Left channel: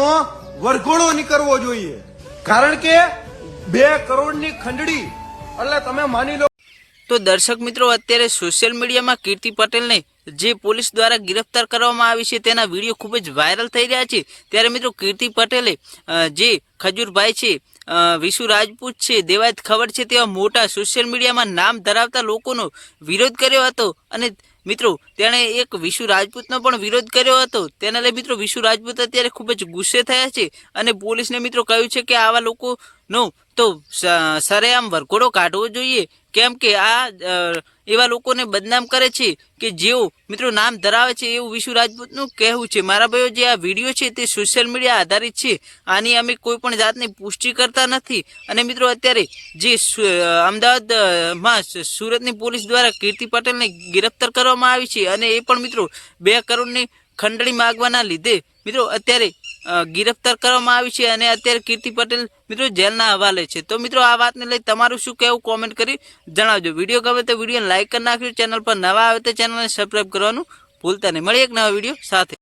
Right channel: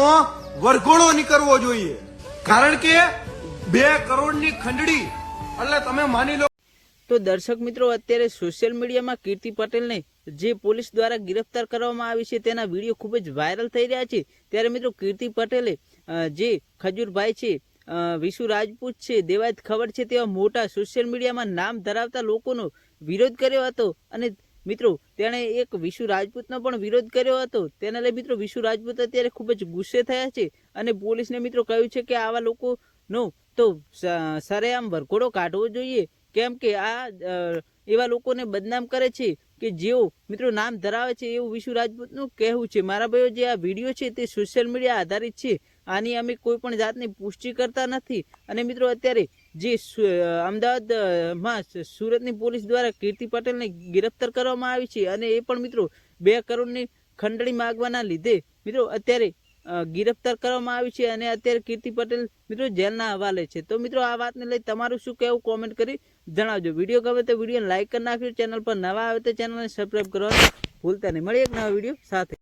ખંડણીનો વરઘોડો નીકળવો જોઈએ, કારણ કે 2 કરોડની ખંડણી એટલે તમે માની લો। તો દર્શક મિત્રો, અત્યારે સોશિયલ મીડિયામાં કીર્તિ પટેલને જે પોલીસ દ્વારા ગિરફ્તાર કરવામાં આવી છે તેના વિડીયો ખૂબ જ વાયરલ થઈ રહ્યા છે। ત્યારે મિત્રો કીર્તિ પટેલે જે ખજૂરભાઈ છે, વિશુ રાજપૂત છે, દેવાયત ખબર છે તેવા મોટા સોશિયલ મીડિયામાં નામ ધરાવતા લોકોનો વિરોધ કર્યો હતો અને મિત્રો તેણે એક વિશુ રાજપૂતનો પણ વિરોધ કર્યો હતો। તેના લઈ મિત્રો વિશુ રાજપૂત અત્યારે ખૂબ જ ગુસ્સે થયા છે અને પોલીસને મિત્રો કહ્યું છે કે આવા લોકોનો તો સરેઆમ વરઘોડો કાઢવો જોઈએ, કેમ કે આ એવા લોકોને બદનામ કરે છે કે જેઓ મિત્રો નામ ધરાવે છે એવું વિશુ રાજપૂતનું કહેવું છે। મારા ભાઈઓ, જે આ વિડીયો છે તે સોશિયલ મીડિયા આધારિત છે, આની અમે કોઈ પણ જાતની પુષ્ટિ કરતા નથી। અને મિત્રો અત્યારે જે અમદાવાદમાં સુરતની પોલીસ દ્વારા કીર્તિ પટેલને ગિરફ્તાર કરવામાં આવી છે અને એ પણ મિત્રો 2 કરોડની ખંડણી માગવાના લીધે મિત્રો અત્યારે ગિરફ્તાર કરવામાં આવી છે અને અત્યારે કીર્તિ પટેલ મિત્રો જેલના હવાલે છે। તો મિત્રો આ વાતને લઈ તમારું શું કહેવું કોમેન્ટ કરી જણાવજો। વિડીયો ગમે તો વિડીયોને લાઇક કરી નાખજો, ચેનલ પર નવા આવે તો ચેનલને સબસ્ક્રાઈબ કરવાનું ભૂલતા નહીં। મળીએ એક નવા વિડીયો સાથે।